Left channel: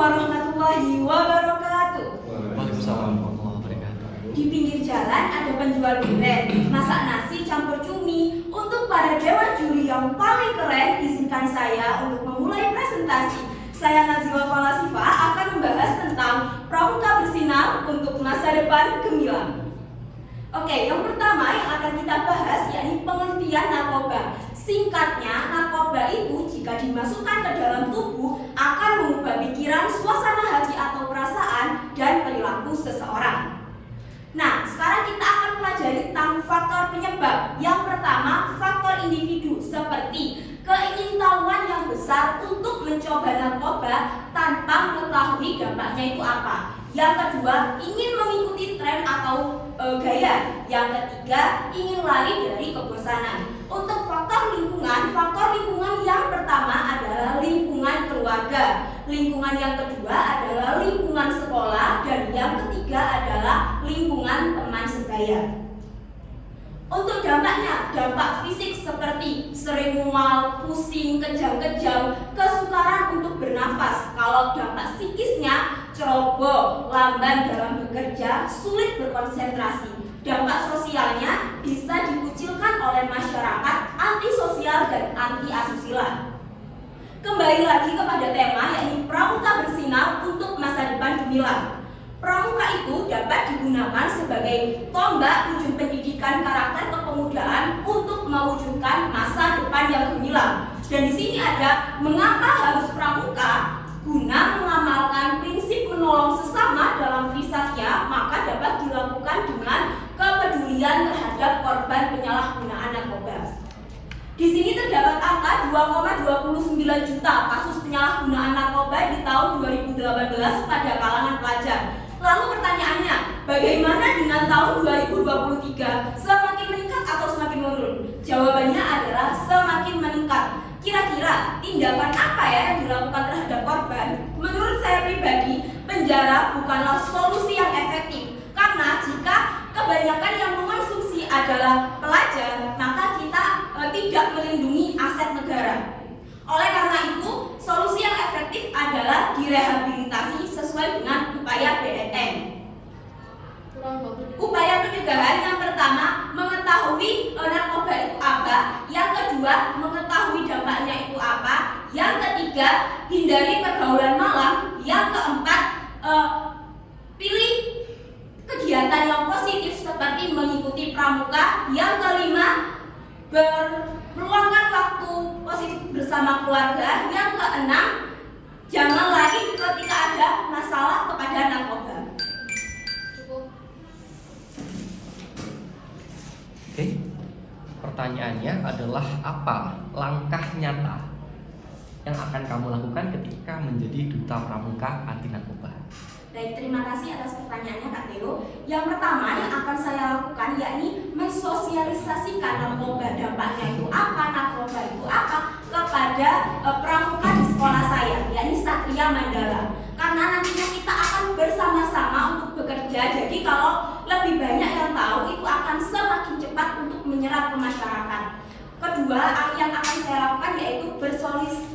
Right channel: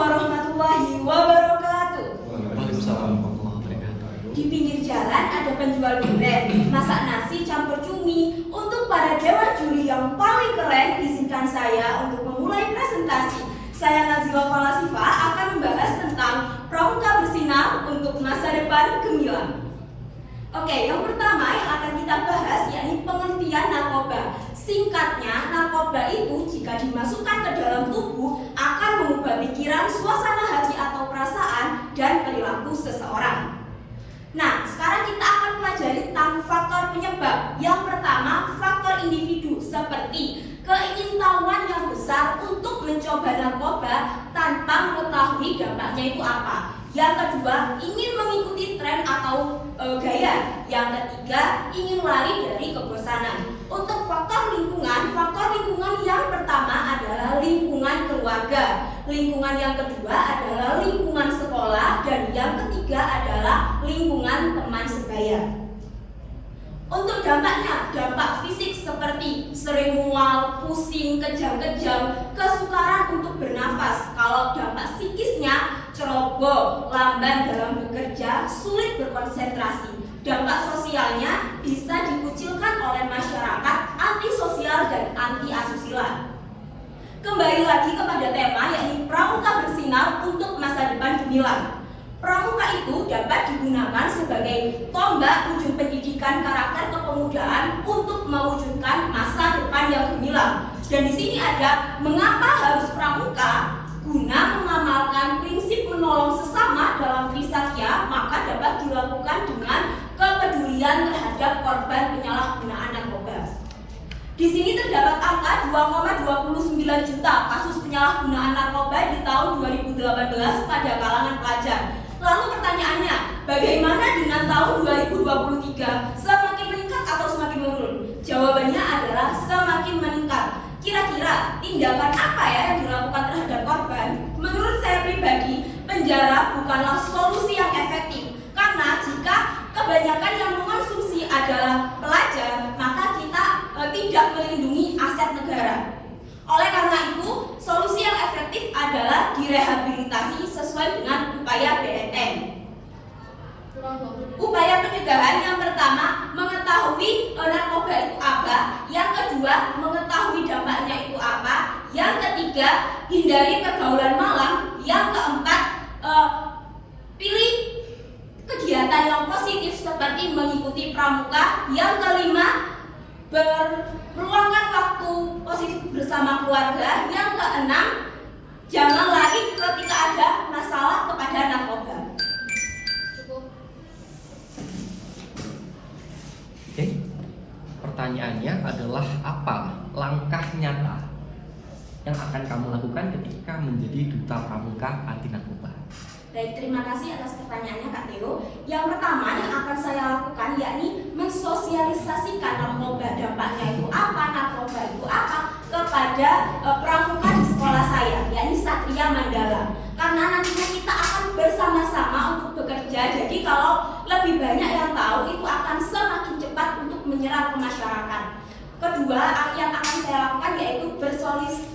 warahmatullahi wabarakatuh. Waalaikumsalam warahmatullahi wabarakatuh. Di pinggir jalan ada penjual durian, masak nasi campur cumi. Untuk para dewan juri yang paling keren, izinkan saya untuk memulai presentasi. Saya Nazila Falasifa akan membahas tentang pramuka bersinar untuk masa depan gemilang. Oke, yang pertama yang akan kita bahas yakni pengertian narkoba. Singkatnya, narkoba itu jika dimasukkan ke dalam tubuh akan mengubah pikiran, suasana hati atau perasaan dan perilaku seseorang. Nah, sekarang kita akan pelajari tentang faktor penyebab. Yang pertama, faktor individu seperti keingintahuan yang besar untuk mencoba narkoba tanpa mengetahui dampaknya itu apa. Yang kedua, ingin mengikuti tren atau gaya. Yang ketiga, ingin lari dari kebosanan. Untuk faktor lingkungan yang pertama adalah lingkungan keluarga. Lingkungan yang kedua adalah lingkungan sekolah dan yang ketiga adalah lingkungan teman sebaya. Untuk dampaknya, dampak fisik seperti sering mual, pusing, kejang-kejang, kesukaran untuk bernafas. Kalau dampak psikisnya, ceroboh, lamban dalam bekerja, sulit berkonsentrasi. Dampak sosialnya bisa dikucilkan oleh masyarakat, antisosial dan anti asusila. Kembali lagi kepada tema yakni pramuka bersinar untuk masa depan gemilang. Pramuka itu dapat digunakan sebagai tombak ujung pendidikan karakter kepemudaan untuk mewujudkan masa depan yang gemilang. Dan di sini ada mengapa harus pramuka? Guna mengamalkan prinsip menolong sesama dalam trisakya, maka dapat dilakukan dengan kepedulian terhadap korban penyalahgunaan narkoba. Di sini terdapat angka 2,29 juta kasus penyalahgunaan narkoba di tahun 2018 pada kalangan pelajar. Lalu pertanyaannya, bagaimana dengan tahun 2023? Semakin meningkat atau semakin menurun? Jawabannya adalah semakin meningkat. Kira-kira tindakan apa ya yang dilakukan terhadap korban? Menurut saya pribadi, penjara bukanlah solusi yang efektif. Karena jika kebanyakan yang mengonsumsi adalah pelajar, maka kita tidak melindungi aset negara. Oleh karena itu, solusi yang efektif adalah direhabilitasi sesuai dengan upaya BNN. Upaya pencegahan yang pertama, mengetahui narkoba itu apa. Yang kedua, mengetahui dampaknya itu apa. Yang ketiga, hindari pergaulan malam. Yang keempat, pilih kegiatan yang positif seperti mengikuti pramuka. Yang kelima, meluangkan waktu positif bersama keluarga. Yang keenam, jangan lari ketika ada masalah kepada narkoba. Oke, pertanyaannya adalah apa langkah nyata yang akan kamu lakukan ketika menjadi duta pramuka anti narkoba? Baik, terima kasih atas pertanyaannya Kak Theo. Yang pertama yang akan saya lakukan yakni mensosialisasikan narkoba, dampaknya itu apa, narkoba itu apa kepada pramuka di sekolah saya, yakni Satria Mandala. Karena nantinya kita akan bersama-sama untuk bekerja, jadi kalau lebih banyak yang tahu itu akan semakin cepat untuk menyerap ke masyarakat. Kedua, yang akan saya lakukan yaitu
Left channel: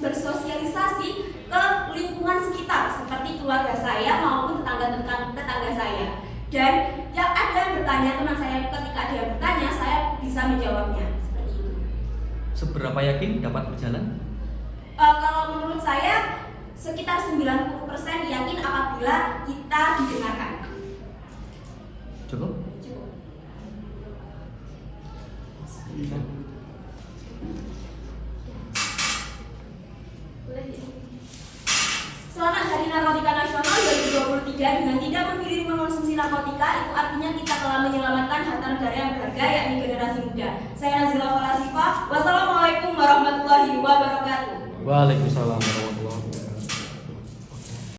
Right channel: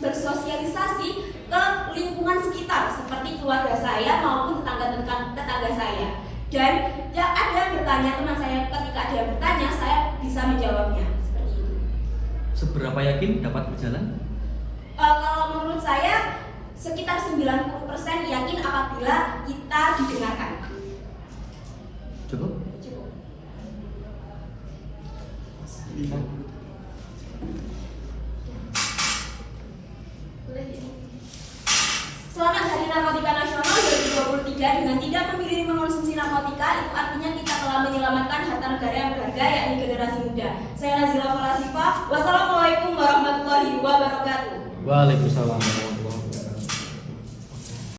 bersosialisasi ke lingkungan sekitar seperti keluarga saya maupun tetangga saya. Dan yang ada yang bertanya, teman saya ketika dia bertanya, saya bisa menjawabnya seperti itu. Seberapa yakin dapat berjalan? Kalau menurut saya sekitar 90% yakin apabila kita didengarkan. Cukup? Cukup. Selamat Hari Narkotika Nasional 2023. Dengan tidak memilih mengonsumsi narkotika, itu artinya kita telah menyelamatkan harta negara yang berharga, yakni generasi muda. Saya Nazila Falasifa. Wassalamualaikum warahmatullahi wabarakatuh. Waalaikumsalam.